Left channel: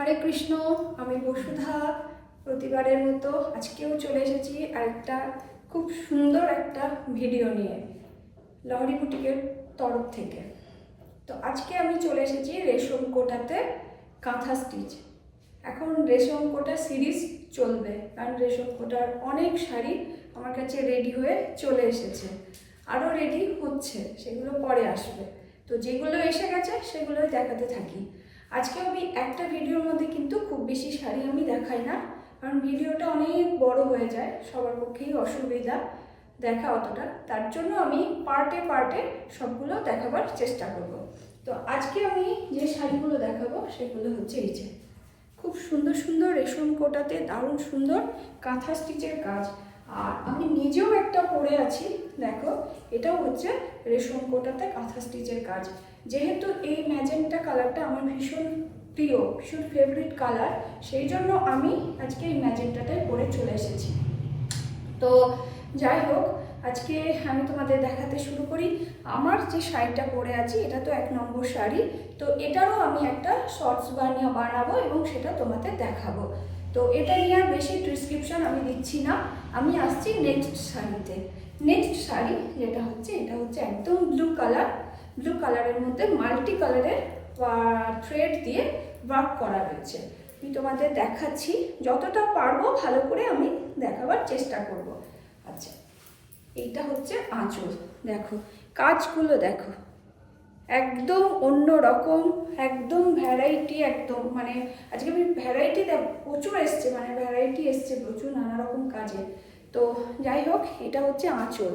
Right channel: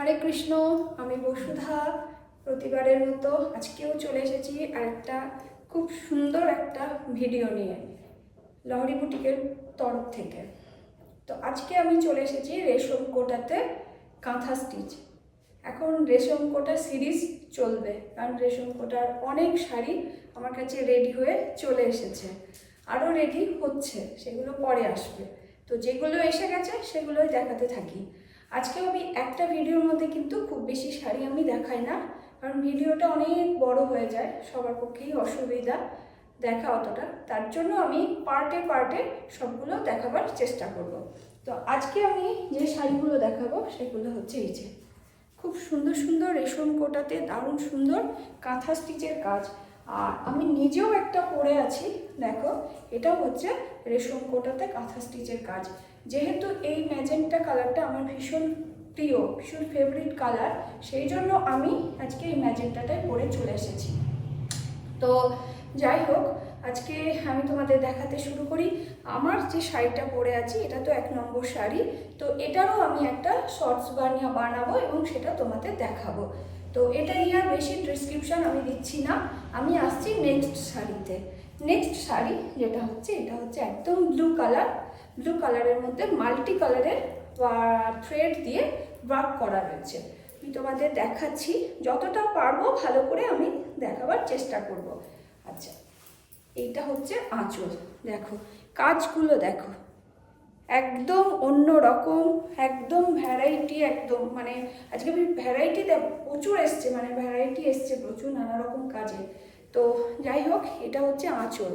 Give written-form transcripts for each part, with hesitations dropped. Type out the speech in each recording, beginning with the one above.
হরে কৃষ্ণ, আমি বসুধা। প্রতিবারের মতো আজকেও চলে এসেছি আরেকটা খুব সুন্দর একটা ভিডিও নিয়ে লহরি বুটিকের তরফ থেকে। তো আজকে আমি চলে এসেছি রেশম কোটাতে কাঁথা স্টিচ। এখন রেশম কোটা সিরিজ চলবে, কারণ রেশম কোটার অনেক শাড়ি আমার কাছে রেডি হয়ে চলে এসেছে, আরও রেডি হচ্ছে, সেগুলো পরে আসবে। তো যেগুলো এসে গেছে সেগুলোই দেখাতে থাকি। আজকে আমি একটা ভিডিওর মধ্যে কিন্তু খুব বেশি শাড়ি আমি দেখাই না, কারণ ভিডিওটা অনেক বড় হয়ে যায়, সবার পক্ষেই অসুবিধা দেখা অতটা। তার জন্য আমি পার্টে পার্টে সবগুলো দেখাবার চেষ্টা করব। তো আজকে আমি যে শাড়িগুলো দেখাবো সেগুলো হচ্ছে এই যে খুব সুন্দর সুন্দর রেশম কোটাতে দারুণ সুন্দর কাঁথা স্টিচের কাজ। আর আমি নিজেও একটা পরে আছি, দেখো, এটাও হচ্ছে রেশম কোটাতে কাঁথা স্টিচের কাজ। যেহেতু এই ম্যাজেন্টা কালারটা আমার ভীষণ প্রিয়, ভীষণ ফেভারিট কালার, সেই জন্য আমি আজকে এই ম্যাজেন্টাটাই পরে চলে এসেছি। তো যাই হোক, আজকে আমি তোমাদের দেখাতে শুরু করি। আমার যে শাড়িটা পরে আছি এটা তো 1 নম্বর শাড়ি, তো এটারও আমি একটা শর্টস বানাবো এবং সেটা তোমাদের দেখাবো। তো এটা নিয়ে আর বেশি ডিসক্রিপশন আমি দিচ্ছি না, আমি আসছি নেক্সট শাড়িতে। নেক্সট শাড়ি যেটা হচ্ছে, এটা হচ্ছে একদম ব্লু কালারের মধ্যে মাল্টি কালারের থ্রেড দিয়ে ওয়ার্ক করা রয়েছে। আমি তোমাদের দেখাচ্ছি, যতটা পারবো ভালো করে আমি দেখাবার চেষ্টা করব। আচ্ছা, এইটা হচ্ছে আঁচল, দেখো কাজগুলো দেখো, একদম অন্য রকম, একদম ভ্যারাইটি, একদম মানে আজকে আমি ভ্যারাইটি প্রচুর এসছে, মানে ভ্যারাইটি এসছে প্রচুর নানা রকম কাজে। তো যাই হোক, এটা হচ্ছে আঁচল,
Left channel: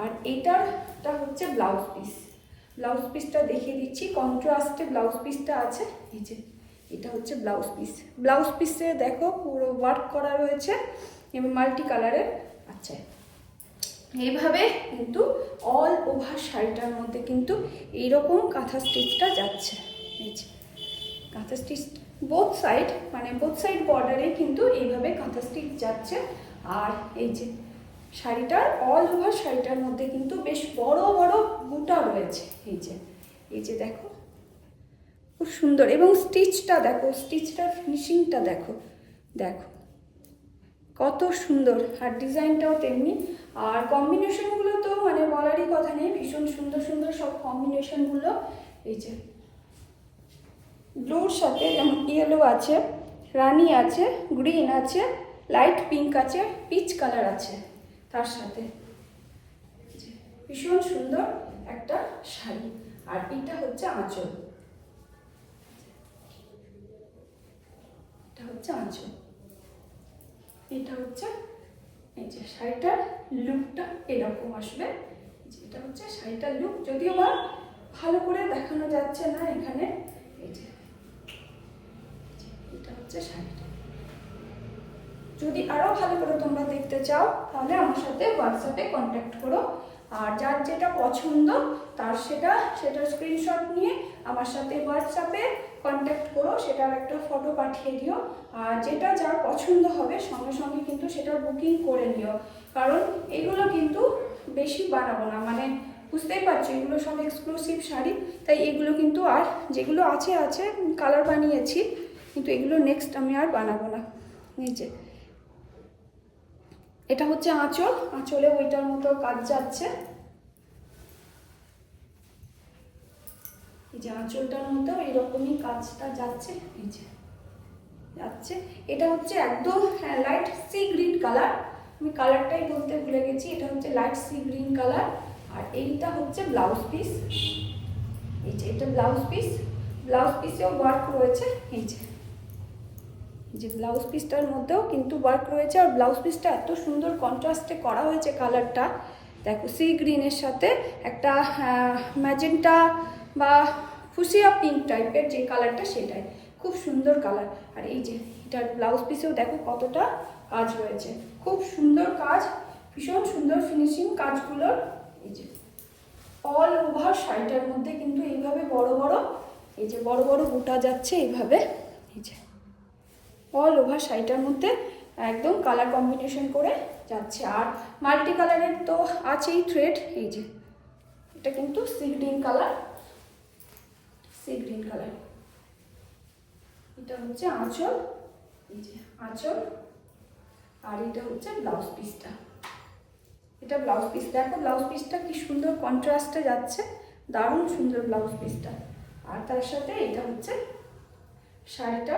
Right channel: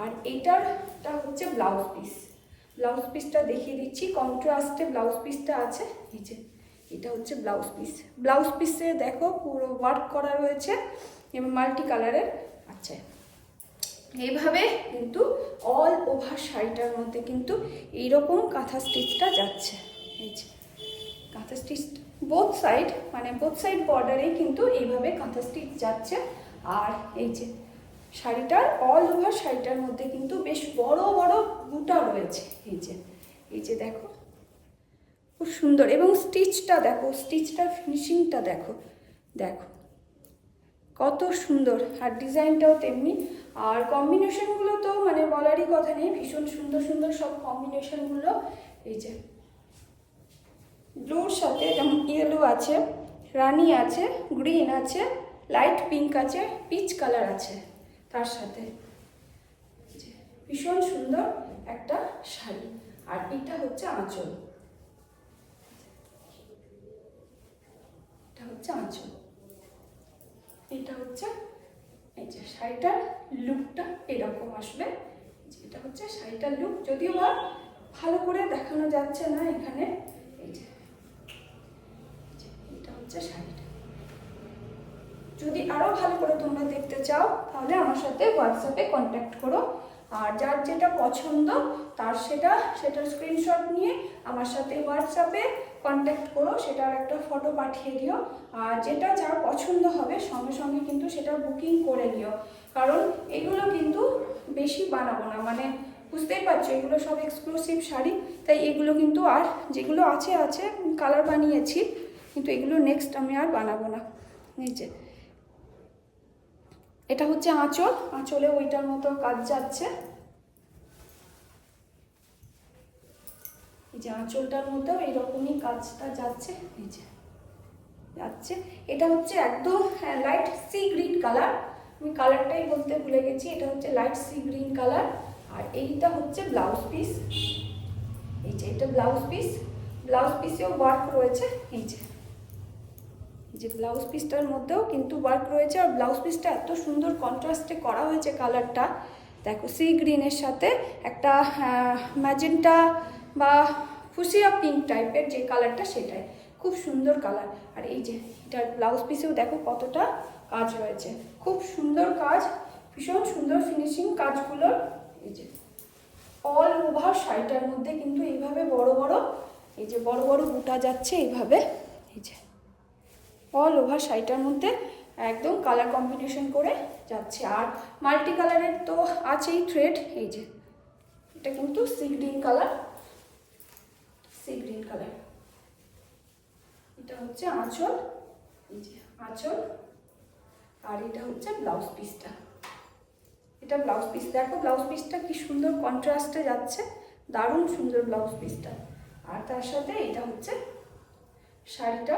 আর এইটারটা হচ্ছে ব্লাউজ পিসটা দেখিয়ে দিচ্ছি। কন্ট্রাস্টে ব্লাউজ পিসটা আছে, এই যে এটা হচ্ছে ব্লাউজ পিসে দেখো পুরো ওয়ার্ক করা রয়েছে এবং মাল্টি কালারের। আচ্ছা, এইভাবে কিন্তু অল ওভার শাড়িটার মধ্যে কিন্তু এইরকম কাঁথা স্টিচটা যাচ্ছে। এই যে কাঁথা স্টিচ বোথ সাইড বর্ডারে কিন্তু এইভাবে কাঁথা স্টিচ যাচ্ছে। আর এই যে শাড়িটার অল ওভার শাড়িটার মধ্যে কিন্তু বেশ বড় বড় বুটা রয়েছে। এই যে দেখো, খুব সুন্দর। এবং স্টিচটা দেখো, স্টিচটার ফিনিশিংটা দেখো কত সুন্দর, আর ডিজাইনটাও তেমনি। আর কম্বিনেশনগুলো তো মানে বলারই কথা নেই, ভীষণ সুন্দর সুন্দর সব কম্বিনেশনগুলো। এই যে ব্লুর সাথে যেমন ইয়েলো আছে, রানি আছে, গ্রিন আছে, লাইট পিঙ্ক আছে, পিচ কালার আছে তার সাথে। ভীষণ সুন্দর একটা শাড়ি। আর এটা হচ্ছে আঁচল, এটা হচ্ছে এই যে শাড়িটার লুকটা এরকম আসবে। এটা হচ্ছে শাড়িটার লুক, যদিও বা ভালো করে দেখানো যাচ্ছে না এখানে। এই যে এটা হচ্ছে শাড়িটা। যদি আরো ভালো করে তোমরা দেখতে চাও তাহলে আমার সাথে হোয়াটসঅ্যাপে কন্ট্যাক্ট করো। আর যার যেটা পছন্দ তার সেটার স্ক্রিনশট নিয়ে আমার সাথে হোয়াটসঅ্যাপে কন্ট্যাক্ট করো, সেটার একটা ফটো পাঠিয়ে দিও। আর যেটা যার পছন্দ হবে সঙ্গে সঙ্গে কিন্তু সেটার বুকিং করে নিও, কারণ এগুলো কিন্তু বেশি বানাবো না, মানে বুঝতেই পারছো এগুলো সব এক্সক্লুসিভ শাড়ি, তাই এগুলো কিন্তু আর যেগুলো আছে কালার বানিয়েছি, কিন্তু এগুলো নেক্সট আমি আর বানাবো না। নিচে এটা হচ্ছে আঁচলে ওইটার মতো কাজ যাচ্ছে। এই যে আঁচলটার মতো এইরকমই কাজটা যাচ্ছে, এই যে যাচ্ছে। এটা হচ্ছে একদম লাইট সি গ্রিন কালার, আমি কালারটাই বলতে ভুলে গেছি, এটা হচ্ছে লাইট সি গ্রিন কালার। আর এইটা হচ্ছে ব্লাউজ পিস, এই যে এটা ব্লাউজ পিসেও ওয়ার্ক রয়েছে। এই যে ব্লাউজ পিসটার মধ্যেও কিন্তু ওয়ার্ক রয়েছে, আর ব্লাউজ পিসটা এত সুন্দর কন্ট্রাস্টে করা হয়েছে কালারটা, দেখো সি গ্রিনের সাথে একটা ম্যাজেন্টা বা ফুসিয়া পিঙ্ক টাইপের যে কালারটা, সেটাই খুব সুন্দর কালার। আর এই যে এটার ব্লাউজ পিসেও দেখো কতটা কাজ রয়েছে, খুব সুন্দর কাজ, ভীষণ সুন্দর ফিনিশিং কাজগুলোর। এই যে অল ওভার শাড়িটার মধ্যে কিন্তু এইভাবে বড় বড় বুটা যাচ্ছে এইভাবে। এই যে অল ওভার শাড়িটার মধ্যে একদম কালার কম্বিনেশন করে যাচ্ছে। আর মাল্টি কালারের তো আছেই থ্রেড। এই যে এটা কিন্তু সি গ্রিন কালার, এটা হচ্ছে আঁচল, এই যে আঁচল, আর এটা হচ্ছে ব্লাউজ পিসটা। এটা ব্লাউজ পিস, দেখো ব্লাউজ পিসটা কি সুন্দর কন্ট্রাস্টে যাচ্ছে, দারুণ সুন্দর ব্লাউজ পিসটা। আর তার সাথে এটা হচ্ছে শাড়িটা,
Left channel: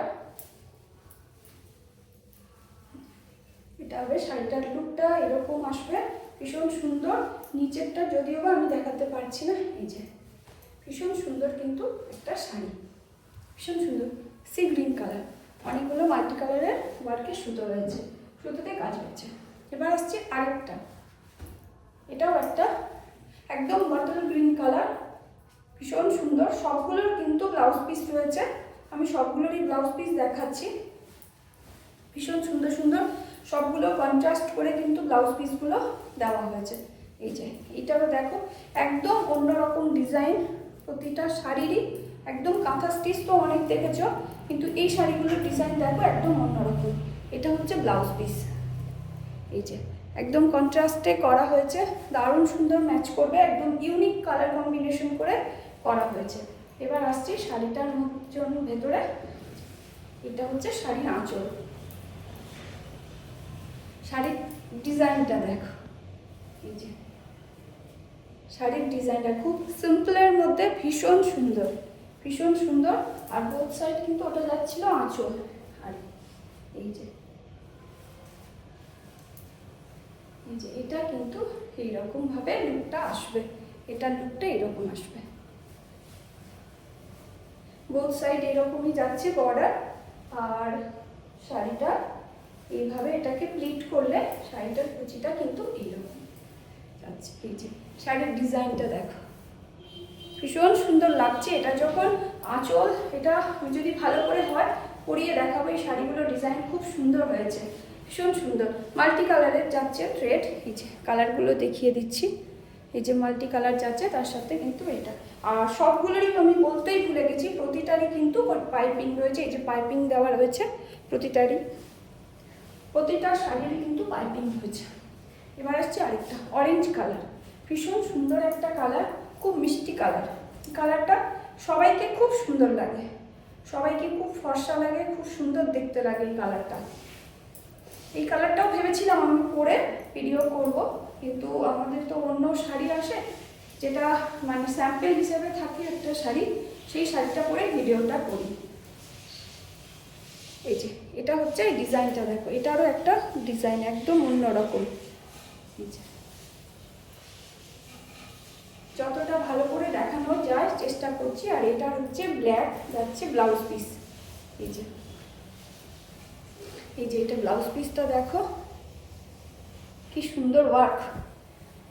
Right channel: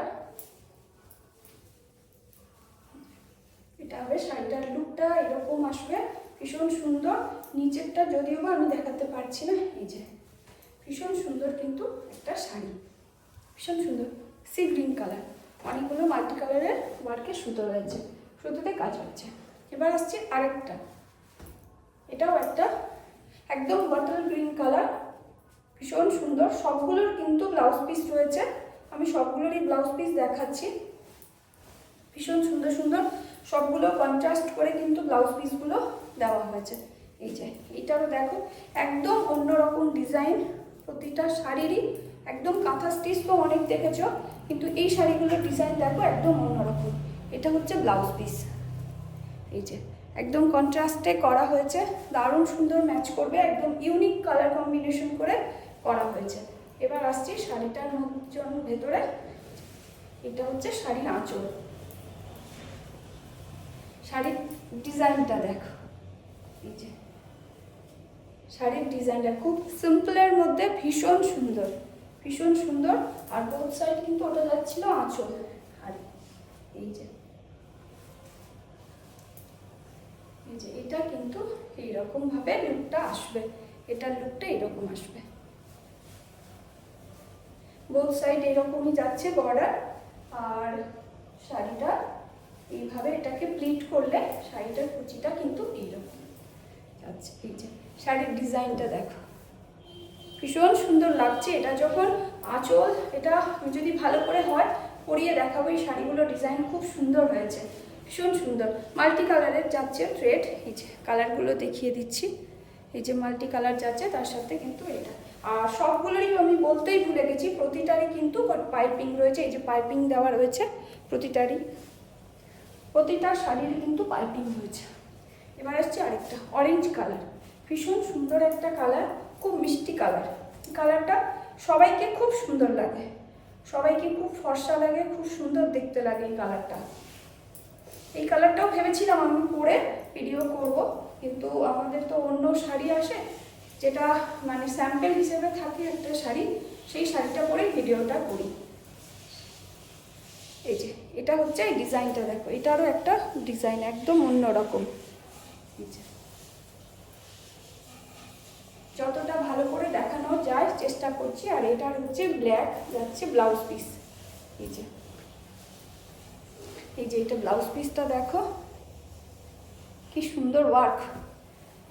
এটা হবে শাড়িটার লুকটা এরকম আসবে, ভীষণ সুন্দর। নিচেরটা যদিও বা আমি দেখাতে পারছি না, এই যে ভীষণ সুন্দর কিন্তু একটা শাড়ি, ভীষণ সুন্দর সি গ্রিন কালার, অনেকগুলো মাল্টি কালারের ওয়ার্কের সুতো রয়েছে, সুতোতে কাজ হচ্ছে। এবার আসছে আরেকটা, এটাও একটা একদম বটল গ্রিন কালার, ভীষণ সুন্দর। সবগুলোর কিন্তু ব্লাউজ পিস রয়েছে, আমি সবগুলোরই ব্লাউজ পিস দেখাচ্ছি। ভীষণ সুন্দর সুন্দর সবগুলো কন্ট্রাস্ট করে কিন্তু ব্লাউজ পিসগুলো দেওয়া হয়েছে। এই যে এইটারও দেখো একদম অন্যরকম ডিজাইন, প্রতিটা শাড়িরই একদম কাঁথা স্টিচ তো অনেক দেখেছো, কিন্তু এই শাড়িগুলোর ডিজাইন দেখো একদম অন্যরকম। এটা হচ্ছে ব্লাউজ পিস, এই যে একদম কন্ট্রাস্টে করা হয়েছে, দারুণ সুন্দর ম্যাচ করবে, একদম ইউনিক কালার কম্বিনেশন করে করা হয়েছে। এবার আসছি শাড়িটার জন্য ভেতরে, এটা হচ্ছে শাড়ির আঁচল। শাড়ির ডিজাইনটা দেখো, এই যে শাড়ির ডিজাইনটা খুব সিম্পলের মধ্যে ভীষণ সুন্দর, ভীষণ সুন্দর। আর বোথ সাইড কিন্তু ওটা যাচ্ছিল আঁচল, আর এই যে এটা কিন্তু এইরকম ভাবে লুকটা আসবে, এটার লুকটা এরকম আসবে, বোথ সাইড এরকমই যাচ্ছে বর্ডার। আর শাড়িটা এইভাবে এটাকে প্লিট করলে শাড়িটার কুচিটা কিন্তু এইরকম যাচ্ছে। এই যে শাড়ির ডিজাইনটা দেখো, ভীষণ সুন্দর লাগছে। এটা যখন আঁচল, এটা যদি ভালো করে হয় পরিয়ে দেখাবো, এই শাড়িগুলো ডিজাইন খুব সুন্দর হয়েছে, ভীষণ সুন্দর। মাল্টি কালারের যাচ্ছে থ্রেড, এই যে কালারগুলো দেখিয়ে দিচ্ছি, এই যে মাল্টি কালার যাচ্ছে, তার সাথে কিন্তু এটা। আর সবগুলোরই আমি বলতেই ভুলে গেছি, প্রতিটারই কিন্তু পাইপিং রয়েছে, এই যে পাইপিং দেওয়া রয়েছে প্রতিটারই, প্রতিটা শাড়ির কিন্তু পাইপিং রয়েছে। এবার আসছে আরেকটা অরেঞ্জ কালার, ভীষণ সুন্দর একটা কালার, খুব মিষ্টি কালার। কালারটা সবাইকে খুব সুন্দর লাগে, সবাইকে খুব ফর্সা লাগে, খুব সুন্দর দেখতে লাগে এই কালারটা। এই কালারটাও ভেবেছিলাম আমি পরে ভিডিও করব, কিন্তু আমাদের তো অন্য শাড়ি আসে, যেটা মানে স্যাম্পল হিসেবে থাকে একটা শাড়ি, সেই শাড়িটা পরে ভিডিওটা করি। এই যে এটা হচ্ছে এই ডিজাইনটা দেখো, এটারও একটা ডিজাইন একদম অন্যরকম। এই যে যতটা ভালো করে দেখানো যায় চেষ্টা করছি। আর এটার হচ্ছে ব্ল্যাক যাচ্ছে ব্লাউজ পিস, এই যে এটা ব্লাউজ পিসটা দেখো কি সুন্দর ওয়ার্ক।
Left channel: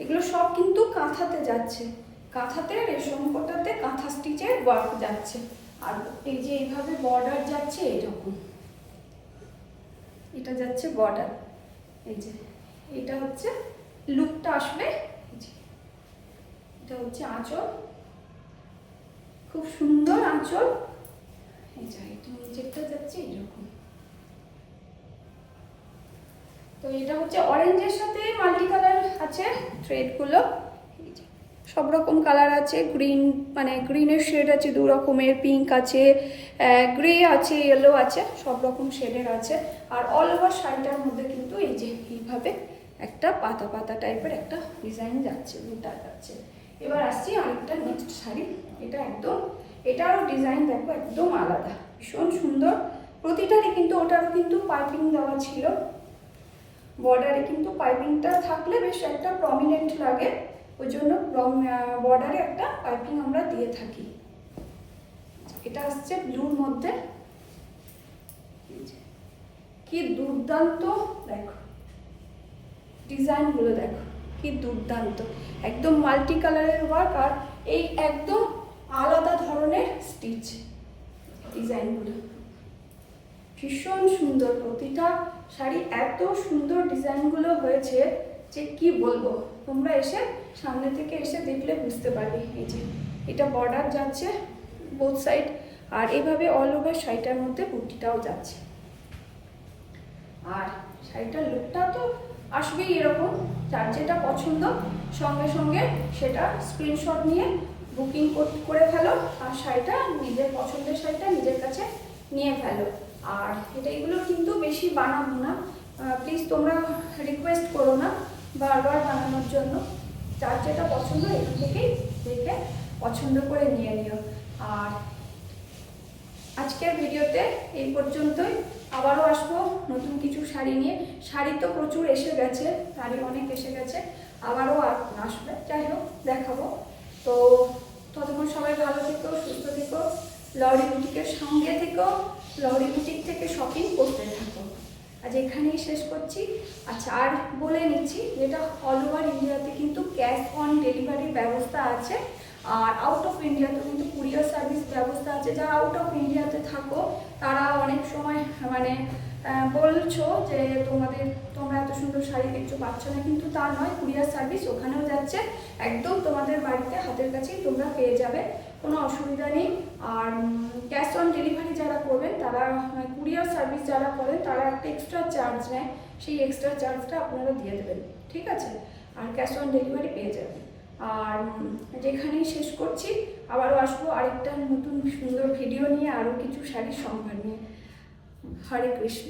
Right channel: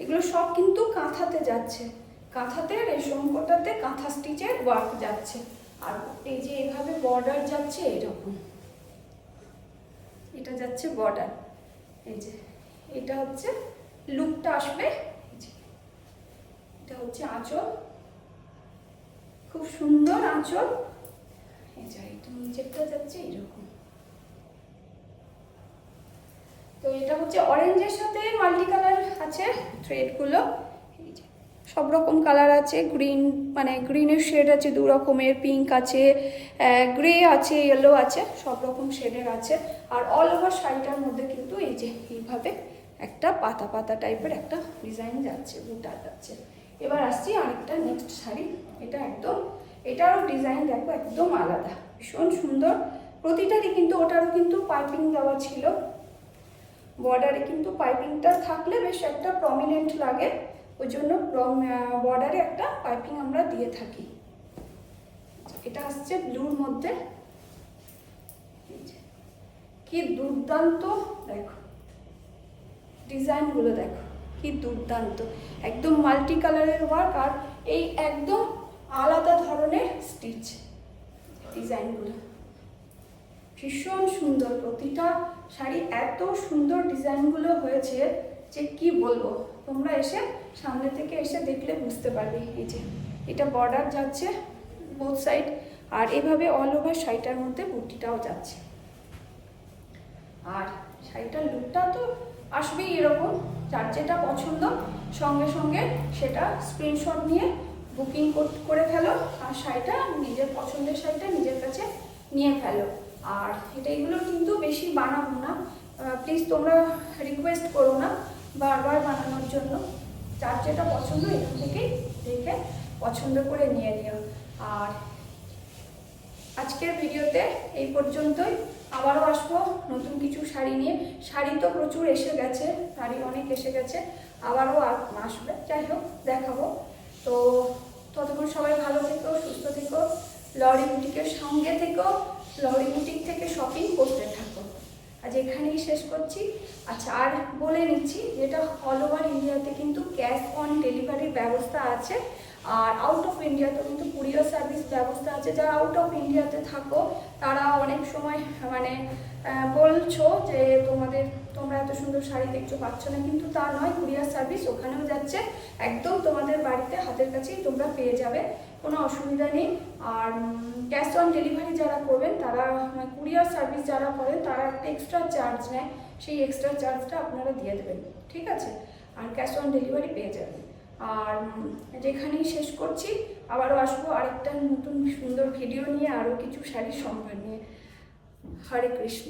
এগুলো সব কিন্তু কাঁথাতে যাচ্ছে, কাঁথাতে রেশম কোটাতে কাঁথা স্টিচের ওয়ার্ক যাচ্ছে। আর এই যে এইভাবে বর্ডার যাচ্ছে এরকম, এটা যাচ্ছে বর্ডার। এই যে এটা হচ্ছে লুকটা আসবে, এটা হচ্ছে আঁচল, খুব সুন্দর আঁচল। এই যে এটা নিচেরটা যাচ্ছে এরকম। তো এটা হচ্ছে অরেঞ্জের সাথে মাল্টি কালার আছে থ্রেডগুলো, এই যে সব রকম কালার আছে, গ্রিন মানে গ্রিনের শেড আছে দু রকমের, পিঙ্ক আছে, গ্রে আছে, ইয়েলো আছে, সব রকম শেডের আছে। আর অল ওভার শাড়িটার মধ্যে কিন্তু এই যে এইভাবে একটা পাতা পাতা টাইপের একটা ডিজাইন যাচ্ছে, বুটা যাচ্ছে। এবার আসছি আরেকটা নেক্সট শাড়ি, এটা একদম, এটারও ডিজাইন দেখো একদম আলাদা, ভীষণ সুন্দর। প্রতিটারই কিন্তু ওটারও কিন্তু পাইপিং দেওয়া ছিল, বর্ডারে কিন্তু পাইপিংটা থাকলে বেশ একটা প্রমিনেন্ট লাগে, ওই জন্য বর্ডারে একটা পাইপিং আমরা দিয়ে থাকি। এটা আসছে ব্লুর মধ্যে, কি দুর্দান্ত দেখো ডিজাইনগুলো, দেখো কি দুর্দান্ত, একদম মাল্টি কালারের ওয়ার্ক। আর এই একদম আলাদা ধরনের স্টিচ ডিজাইনগুলো ভীষণ সুন্দর। প্রতিটা শাড়ি এত সুন্দর ডিজাইনগুলো হয়েছে যে কি বলবো, তোমরা এসে সামনে থেকে এসে দেখলে বুঝতে পারবে। এই যে এটা বর্ডার যাচ্ছে বোথ সাইড, আর এইভাবে অল ওভার শাড়িটার মধ্যে বুটিটাও যাচ্ছে। আর শাড়িটার লুকটা তো আসবেই এরকম, যার যেটা পছন্দ সঙ্গে সঙ্গে সেটা স্ক্রিনশট নিয়ে বুকিং করে ফেলো, আর শাড়িটা নিজের পছন্দের শাড়িটা নিজের কাছে নিয়ে ফেলো। আর এইগুলো কিন্তু বেশি বানাবো না, প্লিজ তোমরা রিকোয়েস্ট করো না বারবার বানানোর জন্য। যার যেটা পছন্দ এখান থেকেই দেখে পছন্দ করে নিয়ে নিও। আর আজকের ভিডিওতে এই পর্যন্তই, আবারও আসবো নতুন কিছু শাড়ি নিয়ে। শাড়ি তো প্রচুর এসে গেছে, শাড়ি অনেক এসে গেছে, আবারও আসবে, যাই হোক দেখাবো। তো ততক্ষণ সবাই ভালো থেকো, সুস্থ থেকো, লহরি বুটিকের সঙ্গে থেকো, লহরি বুটিক থেকে শপিং করতে থাকো। আজ এখানেই শেষ করছি। আচ্ছা, আর বলে নিচ্ছি যেটা অল ওভার ইন্ডিয়াতে কিন্তু ক্যাশ অন ডেলিভারির ব্যবস্থা আছে, আর আউট অফ ইন্ডিয়াতেও কিন্তু কুরিয়ার সার্ভিস ব্যবস্থা আছে। যারা আউট অফ ইন্ডিয়াতে থাকো তারা অনেক সময় মানে বলছো যে তোমরা এত সুন্দর শাড়ি দেখছো পাচ্ছ না, কিন্তু তা নয়, কুরিয়ার সার্ভিস ওখানেও যাচ্ছে, একদম তোমাদের বাড়িতে হাতের কাছেই তোমরা পেয়ে যাবে, কোনো অসুবিধা নেই। আর ক্যাশ অন ডেলিভারি যারা করবেন তারা, কুরিয়ার সার্ভিস যারা করেন তারা একটা এক্সট্রা চার্জ নেয়, সেই এক্সট্রা চার্জটা আপনারা দিয়ে দেবেন, ঠিক আছে? আর ক্যাশ অন ডেলিভারি পেয়ে যাবেন। আর যেখানেই শেষ করছি, আবারও আসবো আরেকটা নতুন সুন্দর ভিডিও নিয়ে, আরও কিছু শাড়ির সম্ভার নিয়ে। হরে কৃষ্ণ।